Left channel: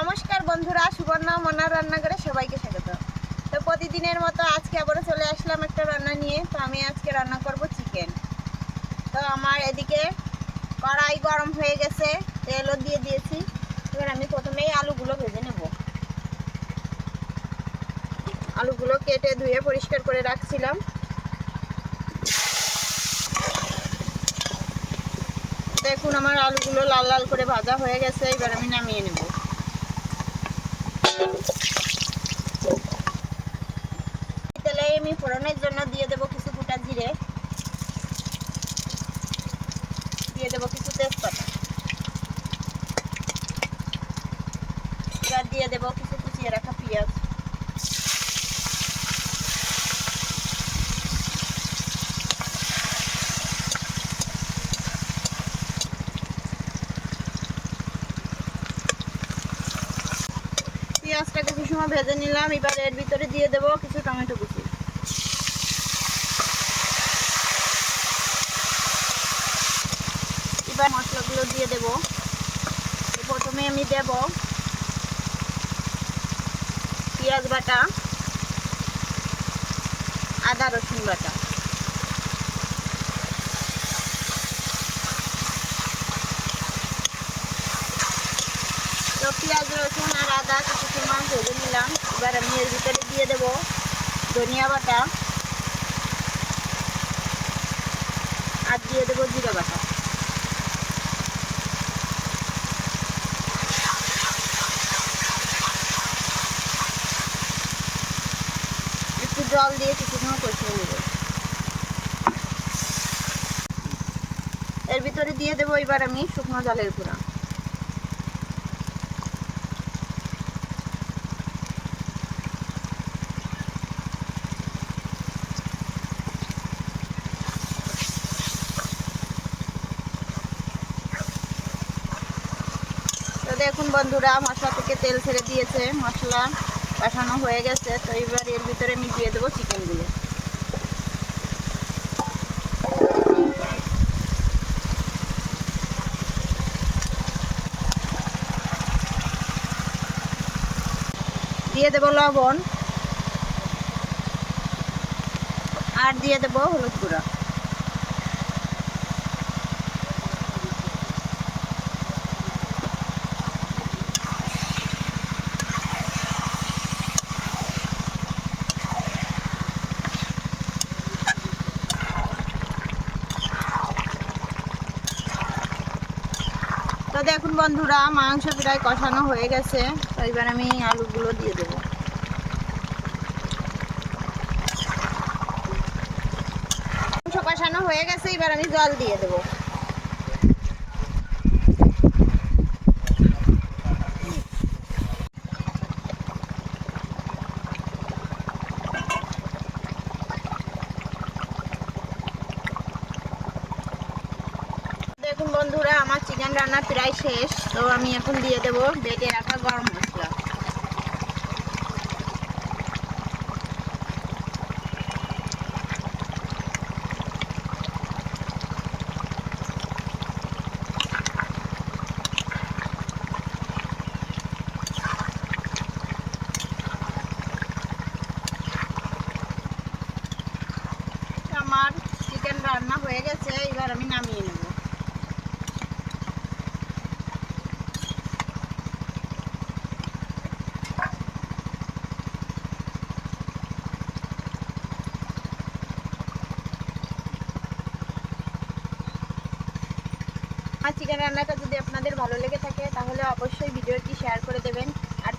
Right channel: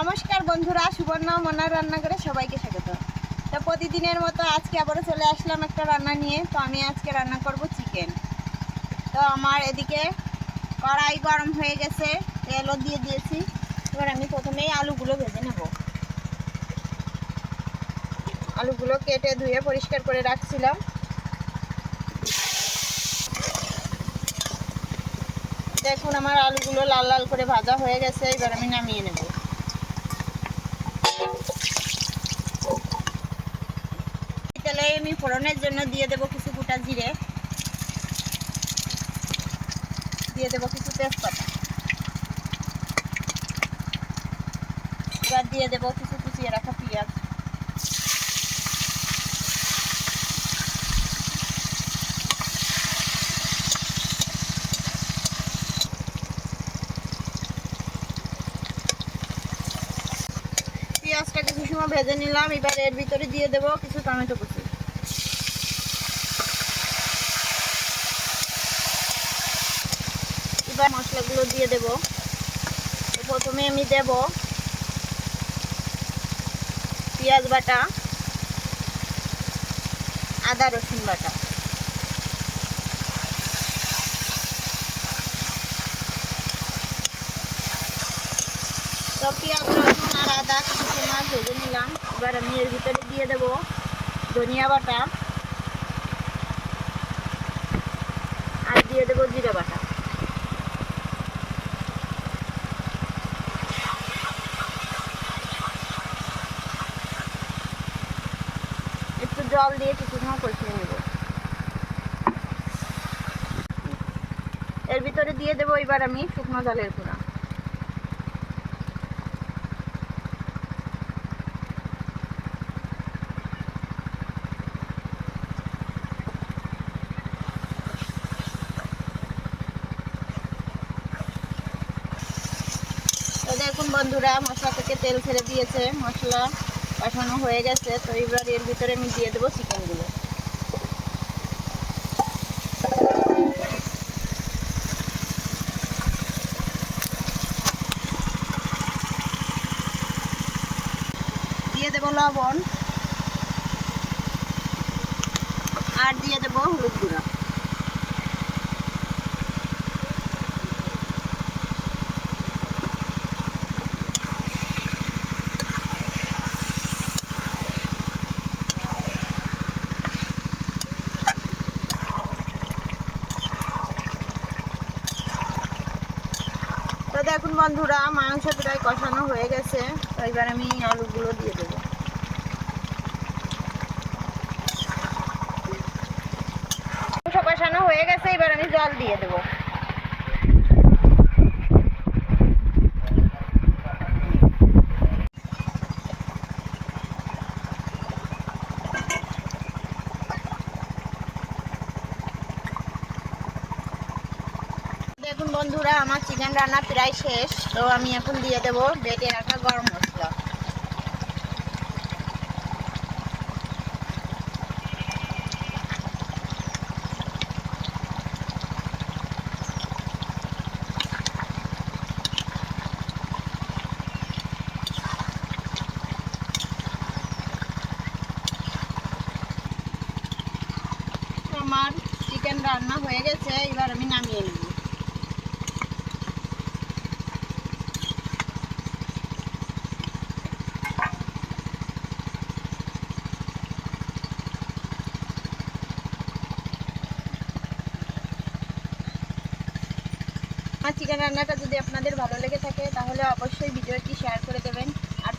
নমস্কার বন্ধুরা, সুবর্ণা মনার রান্নাঘরে সবাইকে স্বাগত। তো প্রতিদিনের মতো আজকে আবারও চলে আসলাম একটা রান্না নিয়ে। তো আমি আজকে রান্না করব চিকেন। তো আমার এদিকে কড়াই গরম হয়ে গেছে, তেলও দিয়ে দিয়েছি। এবার আমি প্রথমেই আলুগুলো ভেজে নেব। আলুগুলো কেটে ধুয়ে পরিষ্কার করে রাখছিলাম। দেখুন আমার আলুগুলো লাল লাল করে ভাজা হয়ে গেছে, এবার আমি নামিয়ে নেব। তেলে আমি ফোড়নের জন্য দিয়ে দেব কিছু গোটা জিরে, দিয়ে দেব কিছু তেজপাতা, এবার দিয়ে দেব কিছু কুচিয়ে রাখা পেঁয়াজ, পেঁয়াজটা কিছু সময় ভেজে নিলাম। এবার এর ভিতরে দিয়ে দেব কিছু টমেটো কুচি, এবার মশলাগুলো দিয়ে দেব। প্রথমে আমি দেব পেঁয়াজ বাটা, আদা রসুন বাটা, তো পেঁয়াজ রসুন আর আদা কিছু সময় ভেজে নিলাম। এবার আমি এর ভিতরে দিয়ে দেব ধনিয়া বাটা আর দিয়ে দেব জিরা বাটা। একটু জল দিয়ে কিছু সময় কষিয়ে নেব। এর ভিতরে দিয়ে দেব এবার আমি শুকনো ডালের গুঁড়া। তো দেখুন বন্ধুরা, মশলা থেকে তেল ছেড়ে দিয়েছে, মশলা কষানো হয়ে গেছে। তো এবার এর ভিতরে আমি দিয়ে দেবো চিকেনগুলো। দিয়ে দেবো লবণ আর দিয়ে দেবো হলুদ গুঁড়া। তো দেখুন বন্ধুরা, মাংস প্রায় কষানো হয়ে গেছে। তো এবার আমি আলুগুলো দিয়ে দেবো। মাংস কষানো হয়ে গেছে, এবার আমি জল দিয়ে দেবো। দেখুন বন্ধুরা, আমার চিকেন রান্না প্রায় শেষ। তো আমি এখন দিয়ে দেবো বেটে রাখা গরম মশলা। আমার চিকেন রান্না হয়ে গেছে, এবার আমি নামিয়ে নেব। আমার চিকেন রান্নাটা যদি আপনাদের ভালো লেগে থাকে তাহলে অবশ্যই ভিডিওটি শেয়ার করে দেবেন আর